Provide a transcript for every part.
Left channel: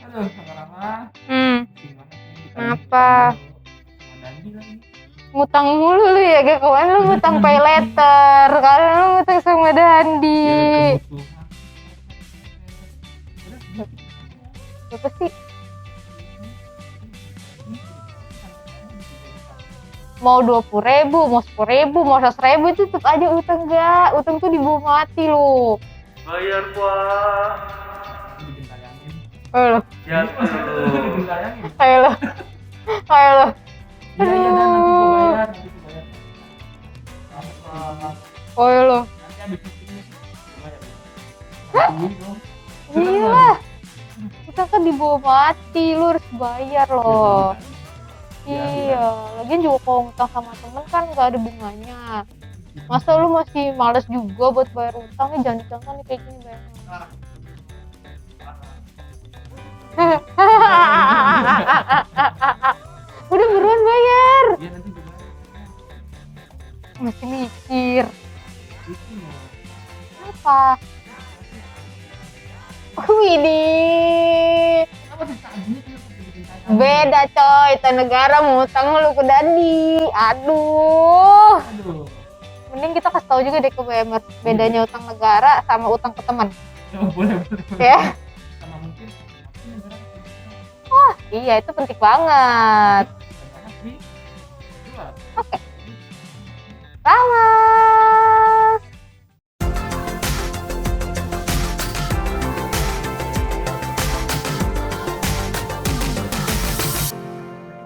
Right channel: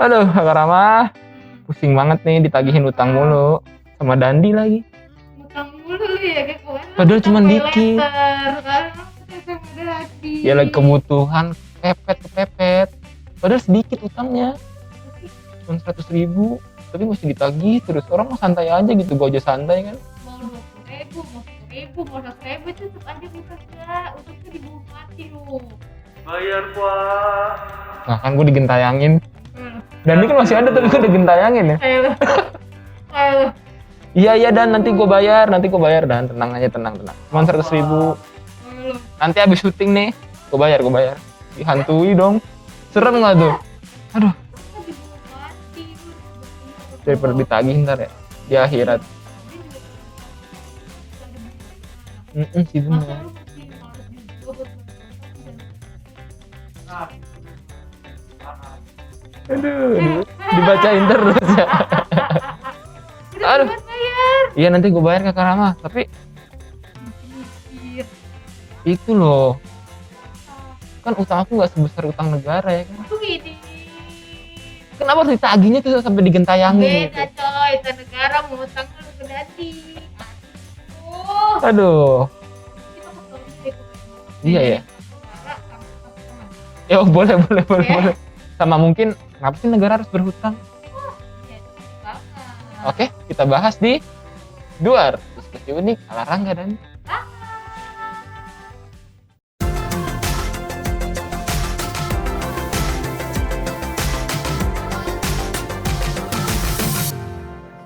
Aduh, Kak Rama, pusing banget nih ditagihin Kenapa? utang mulu. Sama Dandi lagi. Ngutang mulu lu ya, kayak kemarin lu Padahal ngutang cuma pay dikit. letter, sekarang lu ngutang sama Dandi. Ya lagi kebutuhan, kepepet. Padahal sedikit utangnya. Berapa sih? Cuma 100.000. Tapi masih ditagih terus. Orang mah santai aja gitu, gue aja santai kan. Mau 20.000, mau 10.000, mau 100.000 itu tetap aja utang gak? Utang tuh dibawa mati lu. Bayar Pak. Nah kan gue digentayangin. Ayo lo, Dandi kan masih ada tapi gue digentayangin ya. ayo lo, ayo lo. Iya Dan, nanti gue bayar Dan. Tenang aja, tenang. Cuma 100.000. Ayo lo. Nanti habis syuting nih, gue bayar. Dihantui dong. Serem nggak tuh? Aduh. Kita kan dibawa mati, lu harus bayar loh. Daripada ditagih ntar ya. Di akhirat. Lagian juga kalau ngutang sama temen kan gak ada bunganya. Sih, bener. Masa lu masih males juga buat bayar utangnya, jangan-jangan nih kayak gini. Aduh, dibacain terus ya. Udah Aduh. buruan bayar. Iya nanti gue bayar Kak Rama, tapi Masih mikir. itu loh, Apa? kan utang aku nggak sebesar utang negara ya. Widih. Kenapa harus ditagihnya tuh sampai digentayangin? Beda coy, itu negara mau utang lu ke Dandi. Aduh. Aduh. Mending kita kasih tahu juga deh ke BMR. Iya, Bedanya iya. utang negara sama utang ke teman. Ya boleh. Ya. Sama mungkin, kenapa sih negara harus berhutang? Iya, itu penting banget. Oke, kita bahas di luar. Ini larang nggak Dan? Sama.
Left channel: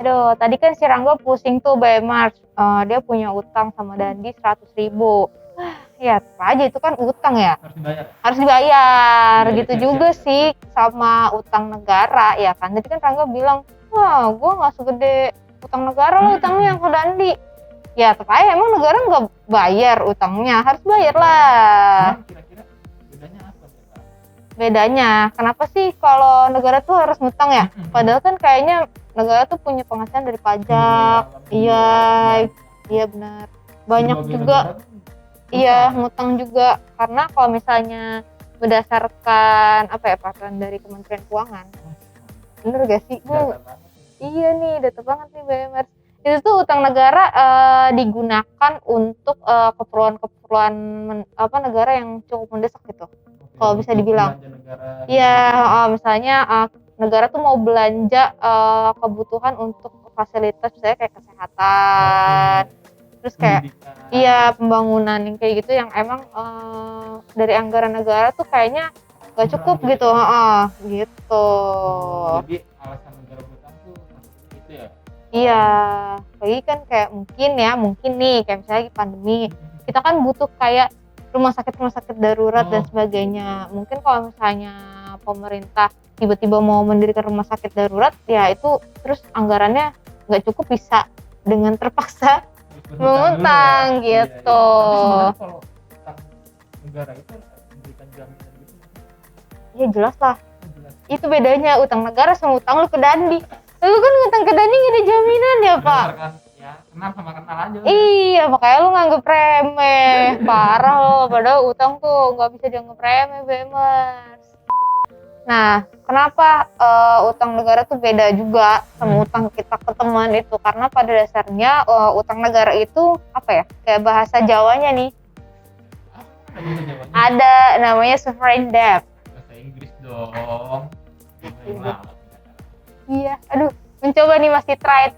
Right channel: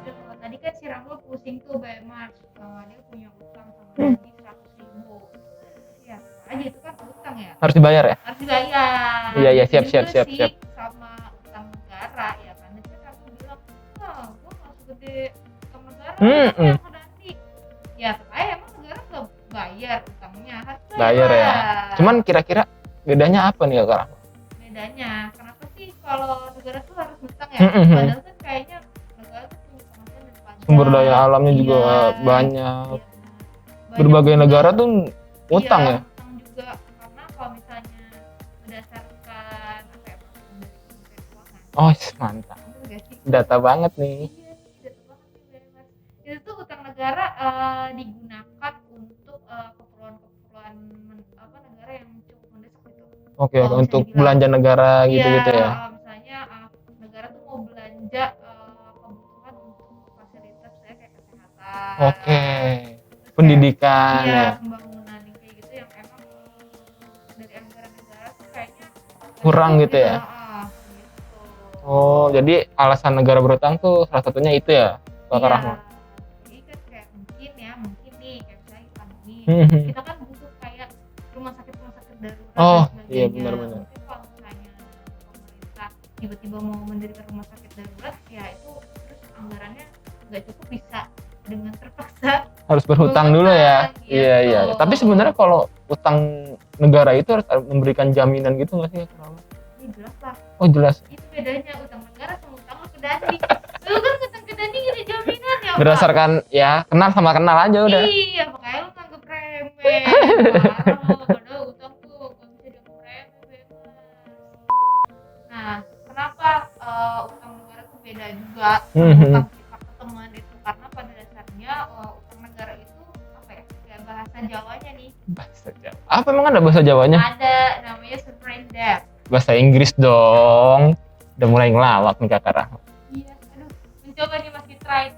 Aduh, tadi kan si Rangga pusing tuh BMR. Dia punya utang sama Dandi 100.000. Ya, apa aja itu kan utang ya. Harus dibayar ya? Harus dibayar. Iya, Gitu siap, juga siap. sih sama utang negara ya kan. Tadi kan Rangga bilang, wah gue gak segede utang negara, utangnya yang ke Dandi. Ya tetap aja emang negara nggak bayar utangnya, harus bayar lah. Ya. Cuman kira-kira bedanya apa nih Kak Rama? Bedanya, kenapa sih kalau negara tuh harus ngutang ya? Padahal kan kayaknya negara tuh punya penghasilan dari pajak. Sumber daya alamnya juga Iya, banyak. Iya benar. Banyak Berbagai juga, negara tuh utang iya, ya? ngutang juga. Karena kalau misalnya berdasarkan apa ya, peraturan dari Kementerian Keuangan. Oh mantap. Bener gak sih? Data banget nih. Iya nih, data banget nih BMR. Itu tuh utang negara digunakan untuk keperluan negara yang cukup mendesak gitu. Oke, Kalau bisa untuk dibilang. belanja negara gitu ya. Iya, misalnya negara tuh mau belanja kebutuhan untuk fasilitas misalnya kayak kesehatan. Oke. Terus Pendidikan. kayak, iya, pembangunan yang kayak gitu yang emang dari anggaran negara tuh kayaknya gak Kurang cukup gitu gitu. ya? Gitu. Oh, jadi alasan negara berutang tuh salah satunya itu ya? Kak Iya, Rama? lagi kan kayak mungkin nih kayak misalnya lagi pandemi, Mhm. kita kan butuh kayak rumah sakit darurat dan Oh, sebagainya. iya benar. Mungkin kalau misalnya pemerintah tiba-tiba mau mendirikan rumah sakit darurat, ya itu terus anggarannya nggak cukup, bisa dengan terpaksa Harus berhutang dulu ya? berhutang, Iya. gitu. Tapi sebenarnya kalau utang negara itu harus memberikan jaminan gitu nggak sih Kak Rama? Ya jelas lah, Oh jelas. itu bedanya utang negara sama utang lu ke Dandi. Lu kan ngutang ke Dandi nggak ada jaminan ya Pak? Berdasarkan ya kenal sama kenal aja udah. Iya, makanya lu nganggep remeh. Parah lo, padahal utang tuh nggak bisa dianggap remeh, BMers. Nah, kenapa utang negara tuh beda juga sama utang kita ke teman itu? Karena pada dasarnya utang negara itu apa ya? Kayak bahasa Jawanya nih. Bahasa Jawa. Apa emang ada bahasa Jawanya? Ada namanya sovereign debt. Bahasa Inggris dong. Udah mulai ngelawak nih Kak Rama. Iya, aduh, mencoba nih masih try.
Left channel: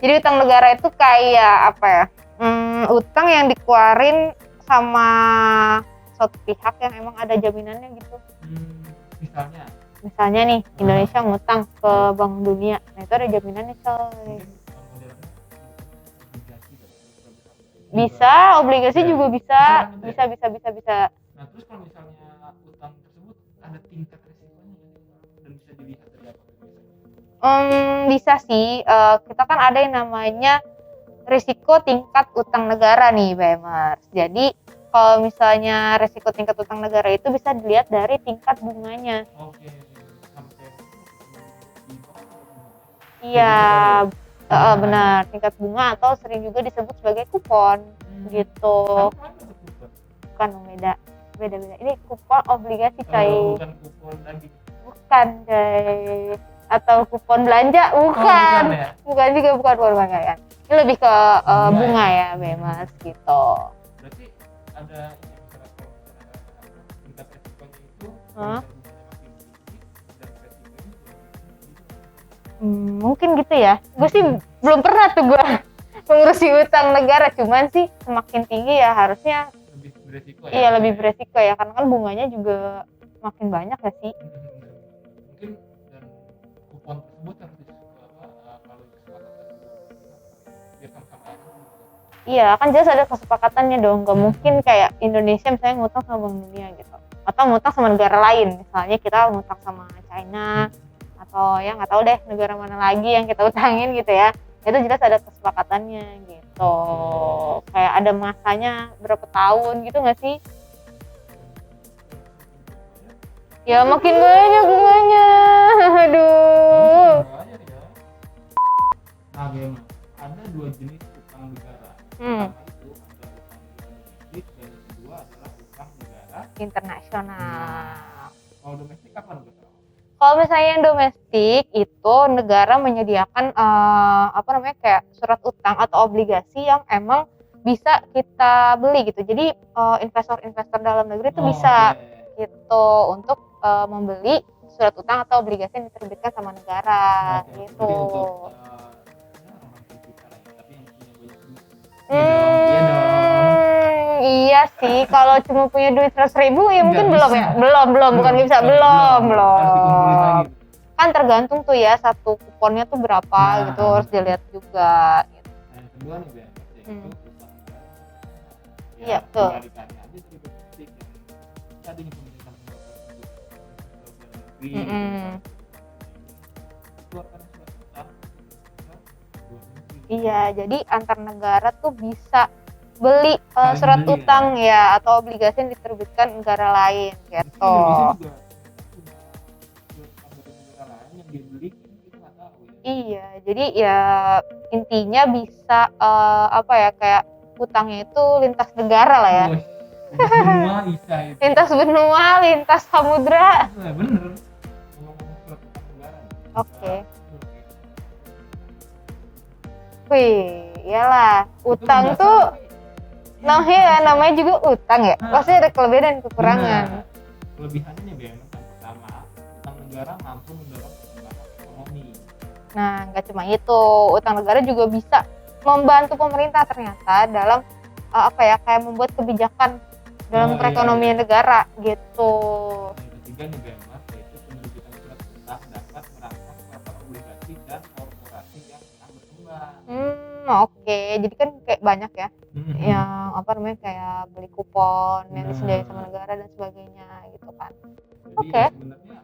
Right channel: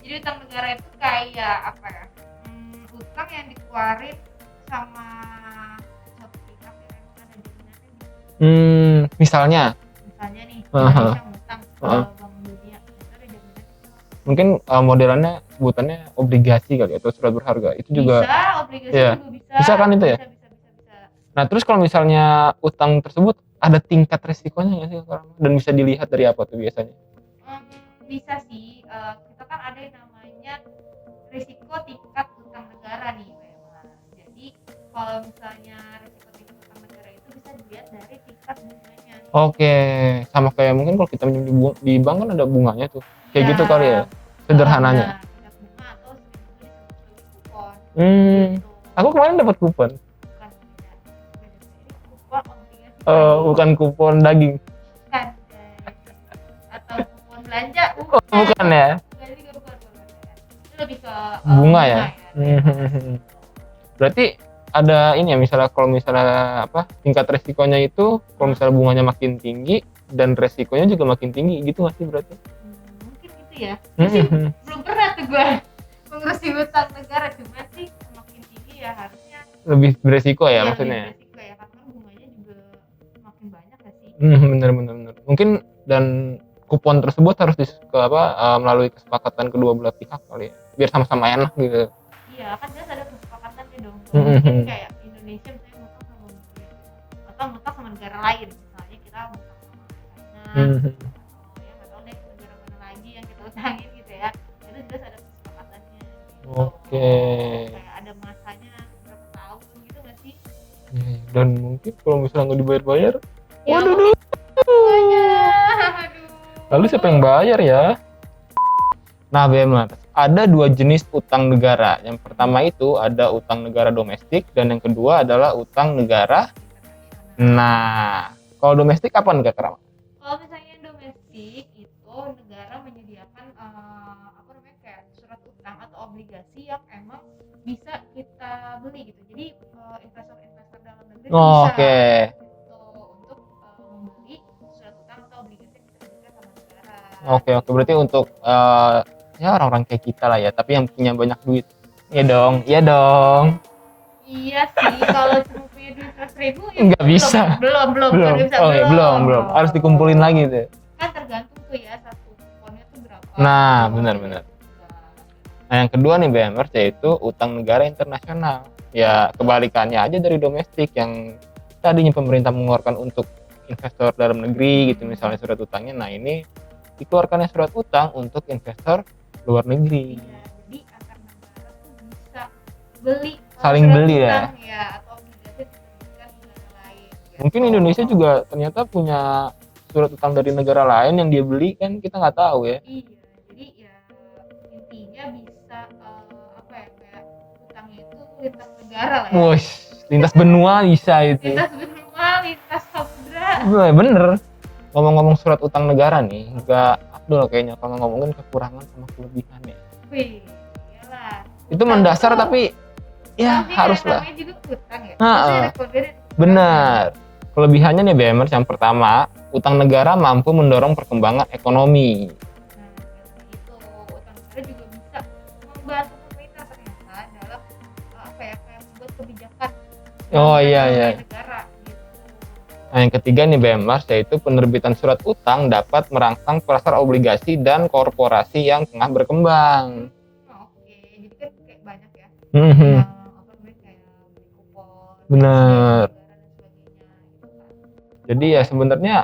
Jadi utang negara itu kayak apa ya? Utang yang dikeluarin sama suatu pihak yang emang ada jaminannya gitu. Misalnya Misalnya nih, Indonesia ngutang ke Bank Dunia, nah itu ada jaminannya coy. mungkin modelannya sebutannya obligasi kali atau surat berharga itu juga. Bisa, obligasi Iya. juga bisa. Bisa kan itu ya? Bisa. Nah terus kalau misalnya utang tersebut ada tingkat resikonya nggak sih Kak Rama? Dan bisa dilihat dari apa tuh biasanya? Bisa sih, kita kan ada yang namanya risiko tingkat utang negara nih BMers. Jadi kalau misalnya resiko tingkat utang negara itu bisa dilihat dari tingkat bunganya. Oke, sama kayak mungkin kalau kita minjem di bank kan ada bunganya tuh. Iya, Kayak gitu kali ya, sederhananya. benar, tingkat bunga atau sering juga disebut sebagai kupon. Gitu. Aku kemarin dapat kupon. Bukan beda. Beda-beda. Ini kupon obligasi coy. Bukan kupon daging. Bukan coy. Atau kupon belanja, bukan. Bukan ya? Bukan juga, bukan pemakaian. Ini lebih ke Bunga bunga ya? ya, bebas gitu. Berarti ada ini ya, misalnya kalau misalnya tingkat resikonya itu kalau misalnya bunganya makin tinggi dan resikonya juga makin tinggi gitu nggak sih berarti? Mungkin gitu ya. Gue sih belum pernah tuh gue mengurusi utang negara, cuman sih semakin tinggi ya harusnya Lebih beresiko ya iya lebih maksudnya? beresiko ya, karena kan bunganya juga makin banyak ya sih. Bener. Mungkin dan kupon tersebut harus melalui kesepakatan kedua belah pihak kali ya, biar sama-sama enak gitu. Iya, kan jelas ada kesepakatannya dong. Gak mungkin kayak Indonesia misalnya ngutang sama Bank Dunia gitu. Atau ngutang sama negara lain. Misalnya kita ngutang sama China. Atau ya nggak tahu deh negara mana lagi yang kita utangin gitu ya. Itu jelas ada kesepakatannya gitu. Kayak ada masanya berapa tahun gitu nggak sih? Dan mungkin kalau misalnya nggak dibayar-bayar, Ya makin banyak bunganya. Aduh. lalu siapa yang bayar ya? Nah, benar. Ada dua jenis utang negara. Yang pertama itu ada utang negara domestik dan yang kedua adalah utang negara internasional. Nah, kalau domestik apa nih Kak Rama? Kalau misalnya yang domestik itu negara menyediakan kayak surat utang atau obligasi yang emang bisa kita beli gitu. Jadi investor-investor dalam negeri itu bisa gitu untuk membeli surat utang atau obligasi yang diterbitkan sama negara. Oke, berarti untuk ya orang-orang kayak kita lah ya, tapi yang punya banyak duit. Iya dong. Iya sih, kalau cuma punya duit 100.000 ya nggak mungkin bisa. belum bisa. Belum. Harus dikumpulin lagi tuh. Kan tergantung tuh ya satu kuponnya tuh berapa, Nah, itu harus benar. dilihat juga. Nah, yang kedua nih BMers yaitu utang negara internasional. Ya, kebalikannya aja dari domestik yang tadinya pemerintah mengeluarkan untuk investor dalam negeri gitu, misalnya surat utangnya. Nah, ini dikeluarkannya surat utang untuk investor luar negeri. Iya, jadi antar negara tuh bisa beli Saling surat beli utang ya atau obligasi yang diterbitkan negara lain gitu. Mungkin Indonesia juga ternyata punya surat utang dari negara lain yang dia beli, kan kita nggak tahu ya. Iya, jadi ya intinya bisa kayak utangnya itu lintas negara lah ya. Wush, lintas benua bisa itu. Lintas benua, lintas samudra. Bener. Ngomong-ngomong surat utang negara nih, Kak Abdul kayaknya kalau ngomongin kekurangan sama kelebihannya. Wih, iyalah. Itu mendasar tuh, tapi ya harus namanya juga utang ya. Pasti ada kelebihan dan kekurangan. Benar. Kelebihannya nih BMers, yang pertama, utang negara mampu mendorong perkembangan ekonomi. Nah, nggak cuma itu, utang negara juga bisa membantu pemerintah ternyata dalam kayak membuat kebijakan dalam ekonomi negara gitu. Nah, yang ketiga nih BMers, yaitu penerbitan surat utang dapat merangsang pasar obligasi dan korporasi yang tengah berkembang. Oke, jadi kan kayak banyak ya yang kayak beli kupon, negara dan sebagainya gitu kan. Jadi ya sebenarnya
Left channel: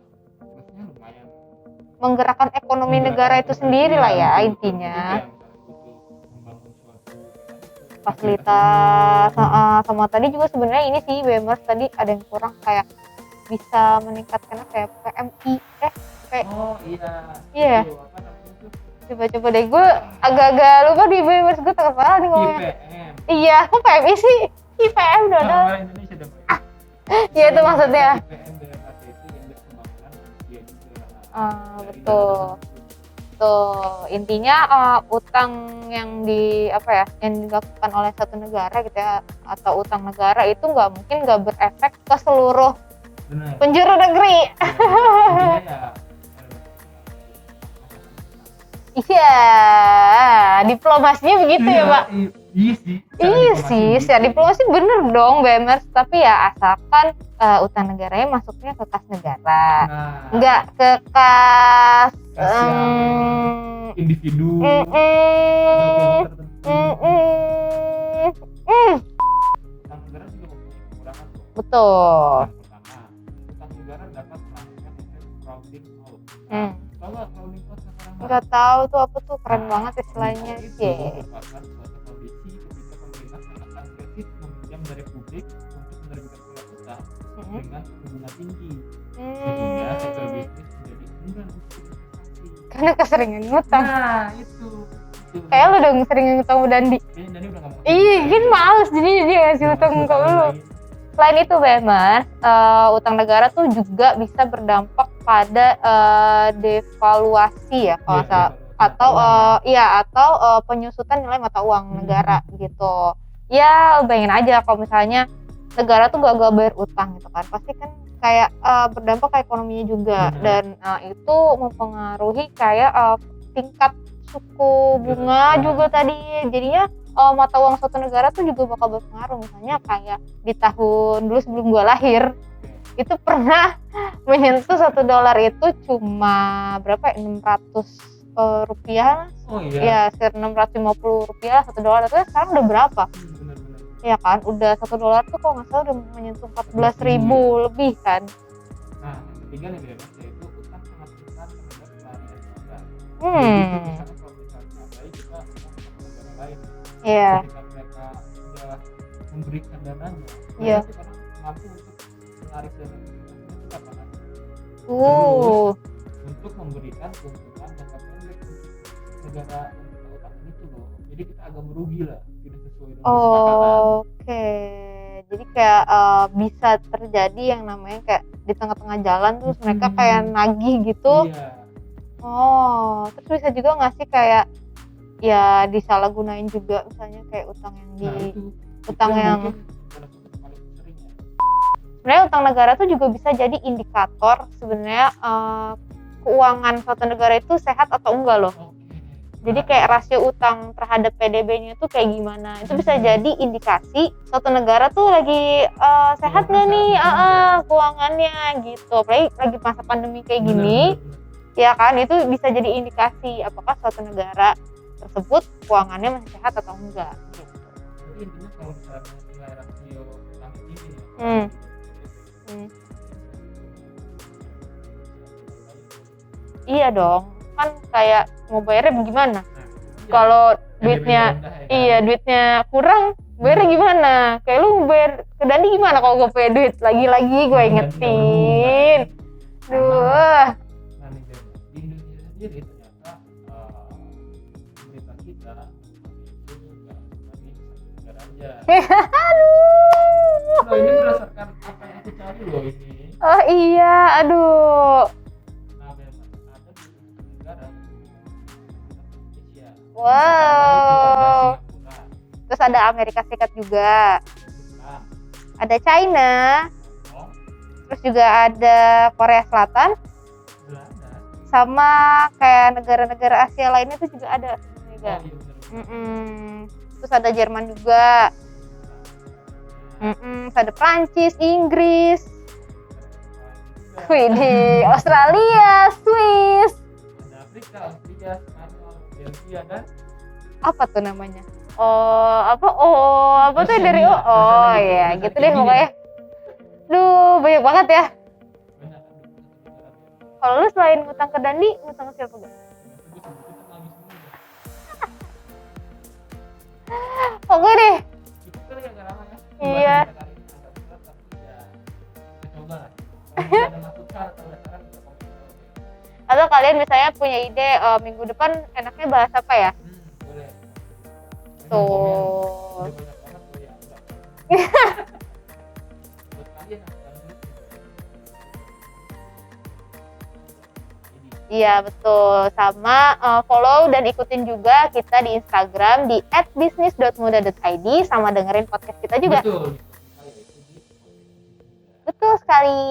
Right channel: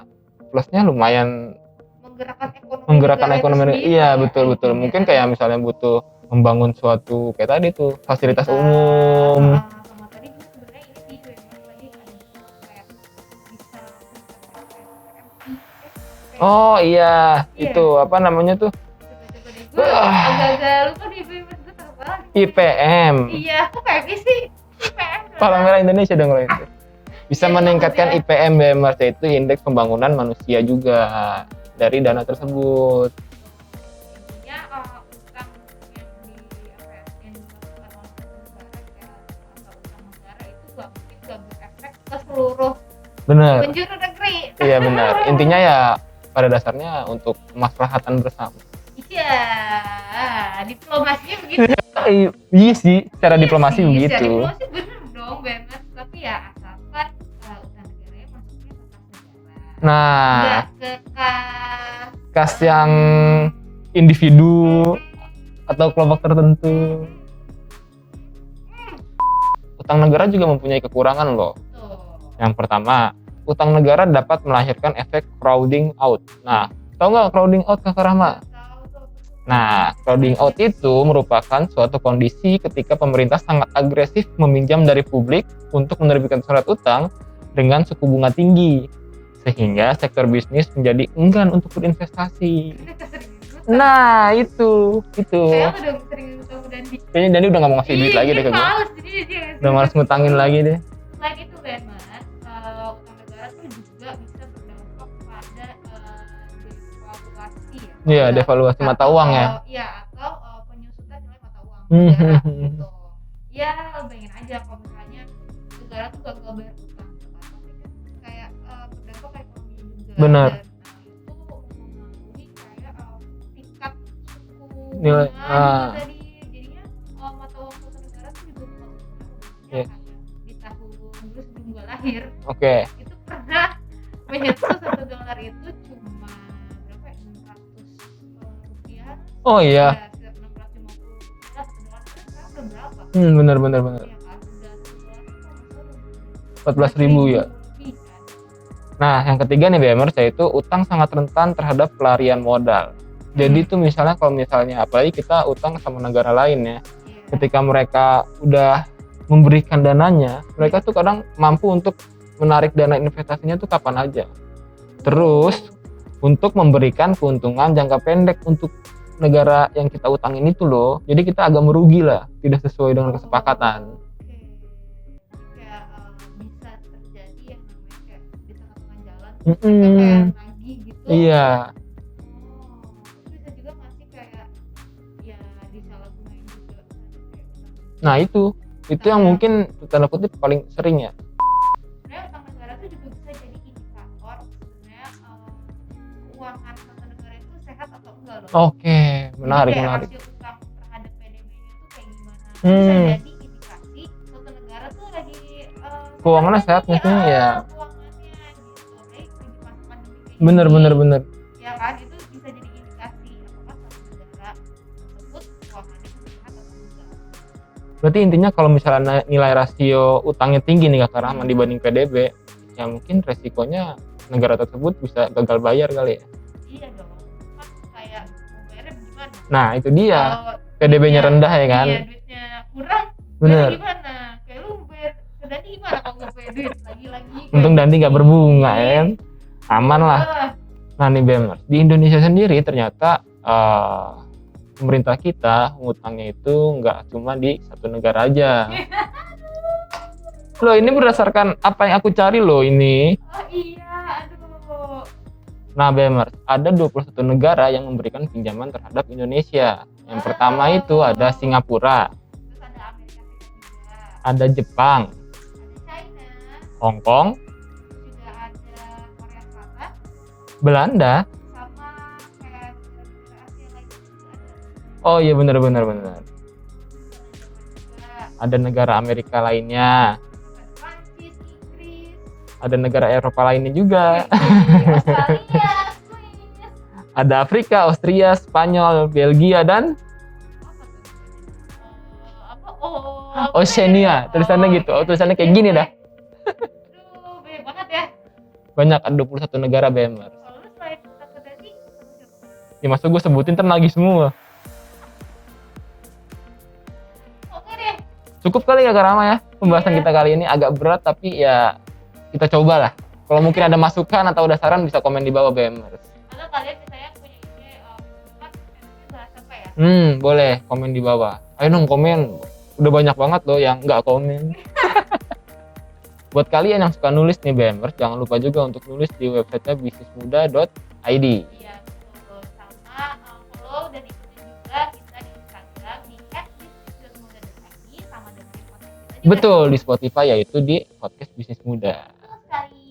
plusnya lumayan menggerakkan ekonomi negara itu sendiri iya, lah ya. Betul. Mungkin kayak misalnya butuh membangun suatu kayak tadi tuh fasilitas umum. Sama tadi juga sebenarnya ini sih BMers tadi ada yang kurang, kayak bisa meningkatkan kayak PMI Oh iya, itu apa namanya tuh? Coba deh, gue agak-agak lupa di BMers, gue tak kepala nih ngomongnya. IPM. Iya, kok PMI sih? IPM dong. Pak Merah Indonesia dong itu. Bisa meningkatkan IPM BMers, yaitu indeks pembangunan manusia juga dari dana tersebut. Tuh, intinya utang yang yang dilakukan oleh satu negara gitu ya, atau utang negara itu nggak berefek ke seluruh penjuru negeri. Iya benar. Intinya ya pada dasarnya untuk kemaslahatan bersama. Iya, diplomasinya begitu ya Pak? Iya sih, cara diplomasi begitu. Secara diplomasi bener dong BMers, tapi ya asalkan utang negaranya masuknya ke kas negara. Nah, nggak ke kas yang individu atau kelompok tertentu. Utang negara juga mempunyai kekurangan loh. Betul. Yang pertama, utang negara dapat melahirkan efek crowding out. Nah, tahu nggak crowding out Kak Rahma? Nggak tahu tuh apa tuh. Nah, crowding out itu merupakan suatu kondisi ketika pemerintah sangat agresif meminjam dari publik untuk menerbitkan surat utang dengan suku bunga tinggi, sehingga sektor bisnis menjadi enggan untuk berinvestasi. Karena keseringan ngutang. Nah, itu. Kayak lu dong sering ngutang sama Dandi. Kayaknya Dandi udah nggak mau ngasih duit lagi deh. Males jadi dia ngasih udah males ngutangin lagi deh. Selain itu BMers, utang negara tuh juga bisa berdampak pada devaluasi ya. Iya, devaluasi mata uang ya. Iya, atau penyusutan nilai mata uang negara gitu. Ya bayangin aja kalau misalnya negara tuh gak bayar utang gitu kan, pasti kan kayak berdampak ke ekonominya juga. Bener. Dan itu mempengaruhi kayak tingkat suku bunga juga tadi. Jadinya mata uang suatu negara tuh juga bakal berpengaruh. Misalnya kayak di tahun dulu sebelum gua lahir, itu pernah menyentuh $1 itu cuma berapa ya, 600 rupiah. Oh iya. Ya, sekitar 650 rupiah $1. Tapi sekarang udah berapa? Bener. Ya kan, udah $1 tuh kalau nggak salah udah menyentuh 14.000 ya? Lebih kan. Nah, yang ketiga nih BMers, yaitu utang sangat rentan terhadap pelarian modal. Jadi tuh misalnya kalau misalnya apalagi kita utang sama negara lain ya, ketika mereka udah memberikan dananya, mereka tuh kadang mampu untuk menarik dana investasinya tuh kapan aja. Terus untuk memberikan keuntungan jangka pendek untuk negara yang kita utangin itu loh. Jadi kita agak merugi lah, tidak sesuai dengan kesepakatan. Oke. Jadi kayak bisa terjadi yang namanya kayak di tengah-tengah jalan terus mereka kayak nagih gitu. Iya. Terus bisa juga nggak sih kayak ya disalahgunain juga misalnya kayak utang yang Nah itu yang mungkin tanda kutip paling sering ya. Sebenarnya utang negara tuh juga bisa jadi indikator sebenarnya keuangan suatu negara itu sehat atau enggak loh. Oke, menarik. Jadi kayak rasio utang terhadap PDB-nya tuh kayak gimana. Itu bisa jadi indikasi suatu negara tuh lagi sehat nggak nih keuangannya gitu. Apalagi lagi masa pandemi kayak gini. Bener. Ya kan, itu bisa jadi indikasi apakah suatu negara tersebut keuangannya masih sehat atau enggak gitu. Berarti intinya kalau misalnya nilai rasio utangnya tinggi nih Kak Rahma dibanding PDB, ya mungkin resikonya negara tersebut bisa gagal bayar kali ya. Iya dong, kan kayak mau bayarnya gimana? Nah itu dia, kalau PDB-nya rendah ya kan. Iya, duitnya kurang, bayarnya gimana? Kayak lu bayar ke Dandi gimana kalau gue punya duit? Lagi-lagi gue untung Dandi gak berbunga ya kan, aman lah. Nah nih BMers, di Indonesia sendiri ternyata pemerintah kita ngutangnya itu nggak cuma di satu negara aja. Loh ini berdasarkan apa yang aku cari loh ini. Oh iya, aduh. Nah BMers, ada 21 negara yang memberikan pinjaman terhadap Indonesia. Wow. Yang pertama itu ada Singapura. Terus ada Amerika Serikat juga. Ada Jepang. Ada China. Hong Kong. Terus juga ada Korea Selatan. Belanda. Sama kayak negara-negara Asia lainnya itu juga ada. Oh iya benar. Terus ada Jerman juga. Ada negara Amerika lainnya. Terus ada Prancis, Inggris. Ada negara Eropa lainnya juga. Australia, Swiss. Ada Afrika, Austria, Spanyol, Belgia dan apa tuh namanya? Oceania. Tulisannya gitu. Tulisannya kayak gini dah. Duh, banyak banget ya. Banyak, ada 21 negara BMers. Kalau lu selain ngutang ke Dandi, ngutang ke siapa? Ya masa gue sebutin ntar nagih semua. Oke deh. Cukup kali ya Kak Rama ya. Pembahasan kita kali ini agak berat tapi ya kita coba lah. Kalau mungkin ada masukan atau ada saran bisa komen di bawah BMers. Atau kalian misalnya punya ide minggu depan enaknya bahas apa ya? Boleh komen di bawah. Ayo dong komen. Udah banyak banget loh yang nggak komen. Buat kalian yang suka nulis nih BMers, jangan lupa juga untuk nulis di websitenya bisnismuda.id. Iya betul, sama follow dan ikutin juga kita di Instagram di @bisnis.muda.id, sama dengerin podcast kita juga. Betul, di Spotify yaitu di podcast Bisnis Muda. Betul sekali.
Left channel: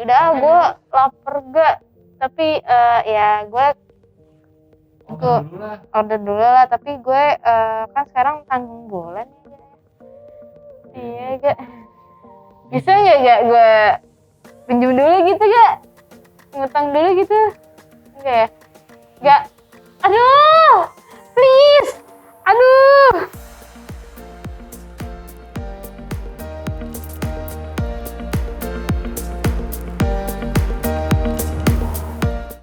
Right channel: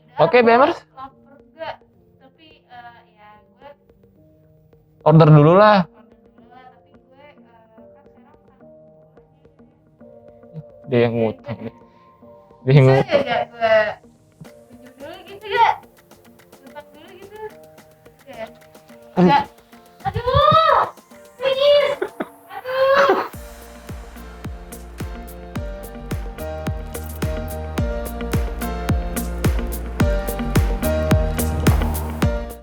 Udah, Oke, gue BMers. lapar gak? Tapi ya gue Order dulu lah, tapi gue kan sekarang tanggung bulan. dia yang ngutang. Bisa gak gue pinjam dulu gitu gak? Ngutang dulu gitu? Enggak ya? Enggak. Aduh!